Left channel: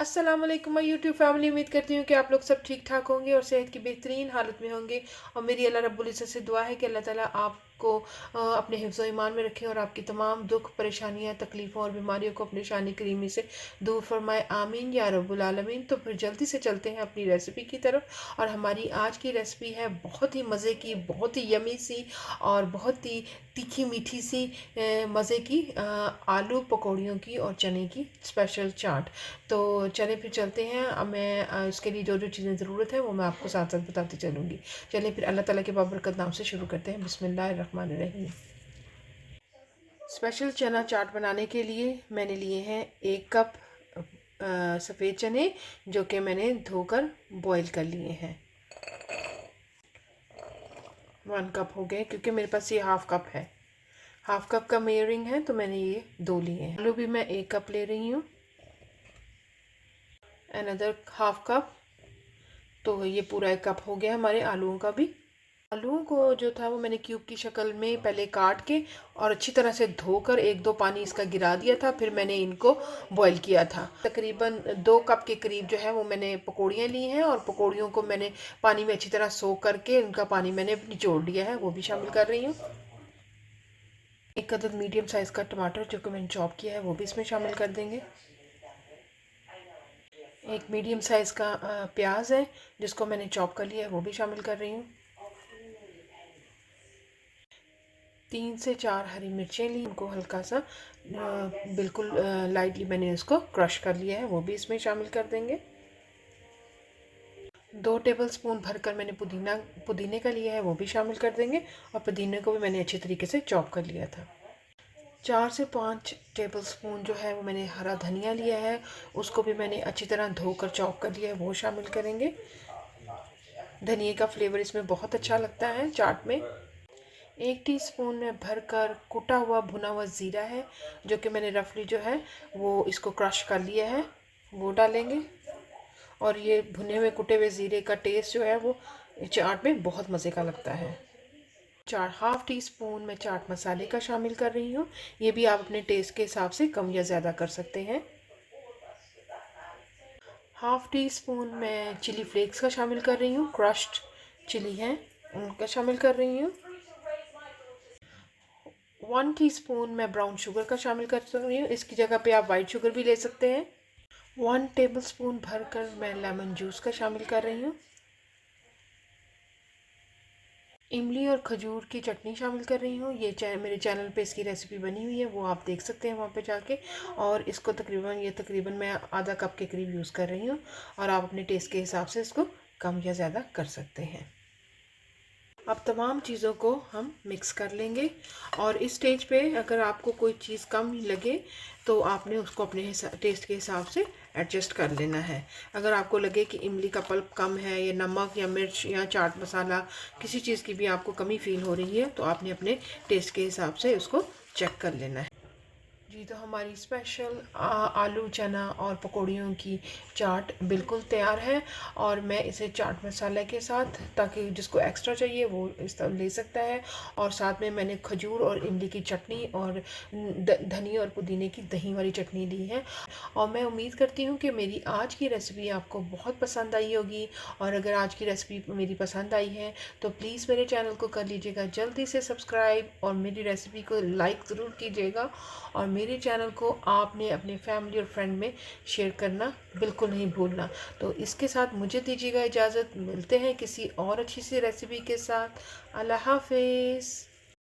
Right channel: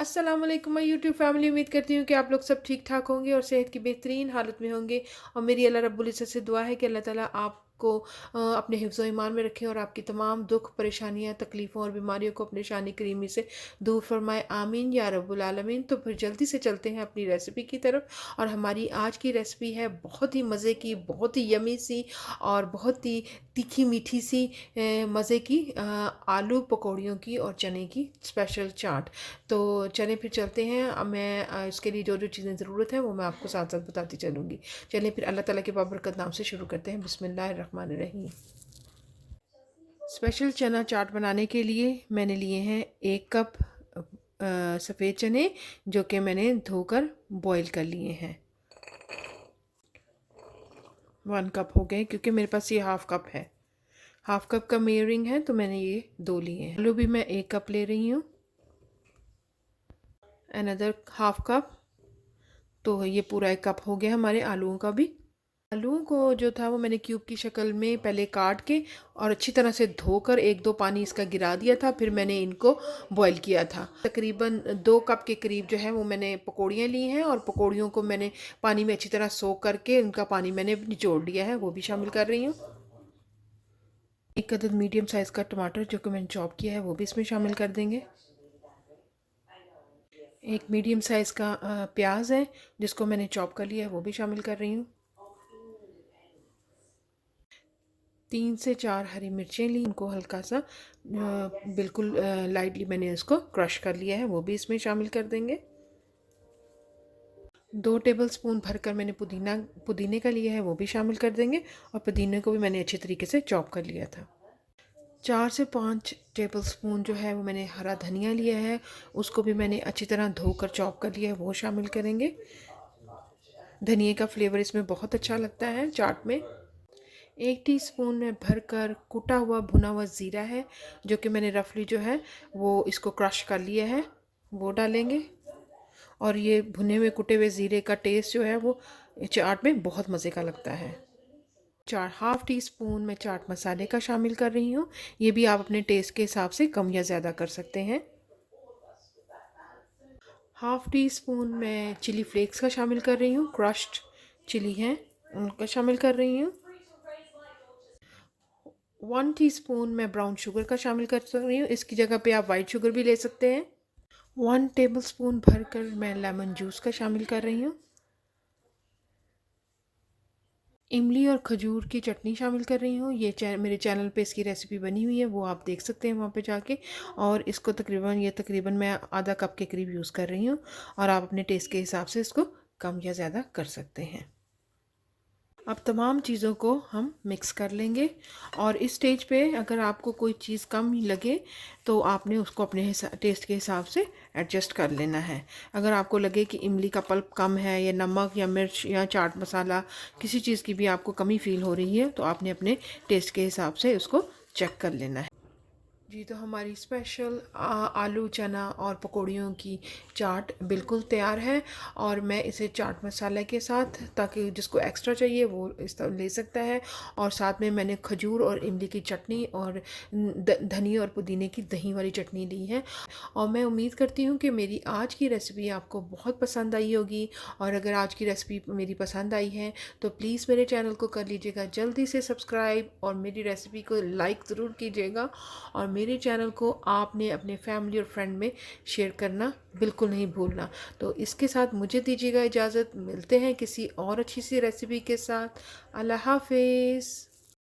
अस्सलाम वालेकुम my YouTube family. उम्मीद करती हूँ कि आप लोग सब ठीक ठाक होंगे और सेहत की बेहतरीन हालत में होंगे। और मेरी अल्लाह रब्बुल इज़्ज़त से दुआ है कि अल्लाह ताला आपको अपने हिफ्ज़ ईमान में रखें और आपकी तमाम दुख परेशानियाँ तकलीफ़ों और बीमारियों को अपने शानी करीमी से दूर फरमाए, आमीन या रब्बुल आलमीन। तो फिर जल्दी से चलते हैं अपनी रेसिपी की तरफ। और हमारी आज की रेसिपी है बहुत ही मज़े की, बहुत ही यमी सी और बहुत ही तीखी मीठी सी मज़े की आलू पकौड़ियों की और चने की स्पेशल चाट। तो चलें फिर चलते हैं। अब मैं इसके लिए जो जो चीज़ें ज़रूरत है वो मैं आपको साथ साथ बताती चलूँगी। चलें फिर अल्लाह ताला के बाबरकत नाम से शुरू करते हैं। बिस्मिल्लाहिर्रहमानिर्रहीम। स्पेशल चना चाट बनाने के लिए मैंने लिए हैं 1 कप सफ़ेद चने, जो कि मैंने धोकर बॉईल कर लिए हैं। 1 कप हो गए क्योंकि मेरे पास ये हाफ़ कप है। हाफ़ कप का मेजरिंग है तो मैंने ये 2 लिए हैं। आलू भी मैं 1 कप ले रही हूँ, अनदर हाफ़ कप। तो ये पूरा 1 कप हो गया हमारे आलूओं का भी। आलूओं को जो था वो मैंने क्यूब की शक्ल में पहले काट के और अच्छी तरह से धोकर 1-2 पानी इसका गिरा दिया था। फिर मैंने इनको बॉईल किया था। तकरीबन 2 कप के करीब जो है वो मैंने पकौड़ियाँ ली हैं और पकौड़ियों को मैंने पानी में अच्छी तरह सोख करके उनका पानी मैंने निचोड़ लिया है, वो भी शामिल कर रही हूँ। 1 अदद मीडियम साइज़ का टमाटर जो कि मैंने चॉप किया है वो भी इसमें शामिल कर देंगे। एक मीडियम साइज़ का प्याज है जिसको मैंने चॉप कर लिया है, वो भी शामिल कर रही हूँ। 3 से 4 हरी मिर्चें ली, उनको हल्का सा बिल्कुल लाइटली मैंने उसको क्रश कर लिया है, वो भी इसमें शामिल कर देंगे। 2 टेबल स्पून भरकर मैंने पुदीने का लिया है, वो भी शामिल कर देंगे। और पुदीने को भी मैंने अच्छे तरीके से चॉप कर लिया था। 4 से 5 टेबल स्पून जो है वो मैंने हरा धनिया लिया है, उसको भी मैंने अच्छी तरह धोकर चॉप कर लिया है, वो शामिल करेंगे। धनिए का फ्लेवर इसमें बहुत अच्छा लगता है चाट में। 1 टीस्पून में भरकर कुटा हुआ भुना हुआ ज़ीरा है, जो कि मैंने रफली जो है वो इसको क्रश कर लिया है, वो डालेंगे। और ये भुने हुए कुटे हुए ज़ीरे का टेस्ट जो है वो चाट में बहुत मज़े का लगता है। 1/2 टीस्पून मैं चाट मसाले का शामिल कर रही हूँ। ये भी आप अपने टेस्ट के हिसाब से कम या ज़्यादा कर सकते हैं। 1/2 टीस्पून मैं चिली फ्लेक्स का शामिल कर रही हूँ, क्रश्ड चिली है उनका शामिल कर रही हूँ। 1 टीस्पून मैं ब्राउन शुगर का शामिल कर रही हूँ, इसकी जगह पे आप वाइट शुगर भी ले सकते हैं। 1 टेबल स्पून भरकर मैं लेमन जूस का शामिल कर रही हूँ। इमली और खजूर की चटनी शामिल कर रही हूँ। ये मेरे चैनल पे इसकी रेसिपी बनी हुई है, वो आप देख सकते हैं वहाँ पे जाके। और इसको तकरीबन मैं आधा कप के करीब यूज़ कर रही हूँ, और आप अपने टेस्ट के हिसाब से इसको कम या ज़्यादा कर सकते हैं। अब तमाम चीज़ों को हम मिक्स कर लेंगे। और इस स्टेज पे अगर आपको कोई चीज़ कम लगे तो आपने उसको अपने टेस्ट के हिसाब से एडजस्ट कर लेना है। अगर आपको लगे कि इमली का पल्प कम है या नमक या मिर्च या चाट मसाला किसी चीज़ की भी आपको कमी फ़ील हो रही है तो आपने अपने टेस्ट के हिसाब से उसको चेक कर लेना है। जी, तो हमारी स्पेशल आलू चना और पकौड़ियों की चाट बिल्कुल तैयार है। और मैं इसे चाट मसाले के साथ, ताकि जिसको एक्स्ट्रा चाहिए वो इस तरह ले सकता है। और साथ में मैंने खजूर और इमली की चटनी और धनिया और पुदीने की दही वाली चटनी ली है। और मैं उम्मीद करती हूँ कि मेरी आज की रेसिपी आपको बहुत पसंद आई होगी। और अगर आज की रेसिपी मेरी पसंद आई है तो प्लीज़ मेरे चैनल को कर लीजिएगा जल्दी से सब्सक्राइब, और मेरी रेसिपी को लाइक ज़रूर कीजिएगा। और मेरे चैनल को आपने अपने फैमिली और फ्रेंड में शेयर करना बिल्कुल नहीं भूलना। तो इसके साथ मुझे दीजिएगा इजाज़त। मिलते हैं किसी और अच्छी सी रेसिपी के साथ। अल्लाह हाफिज़।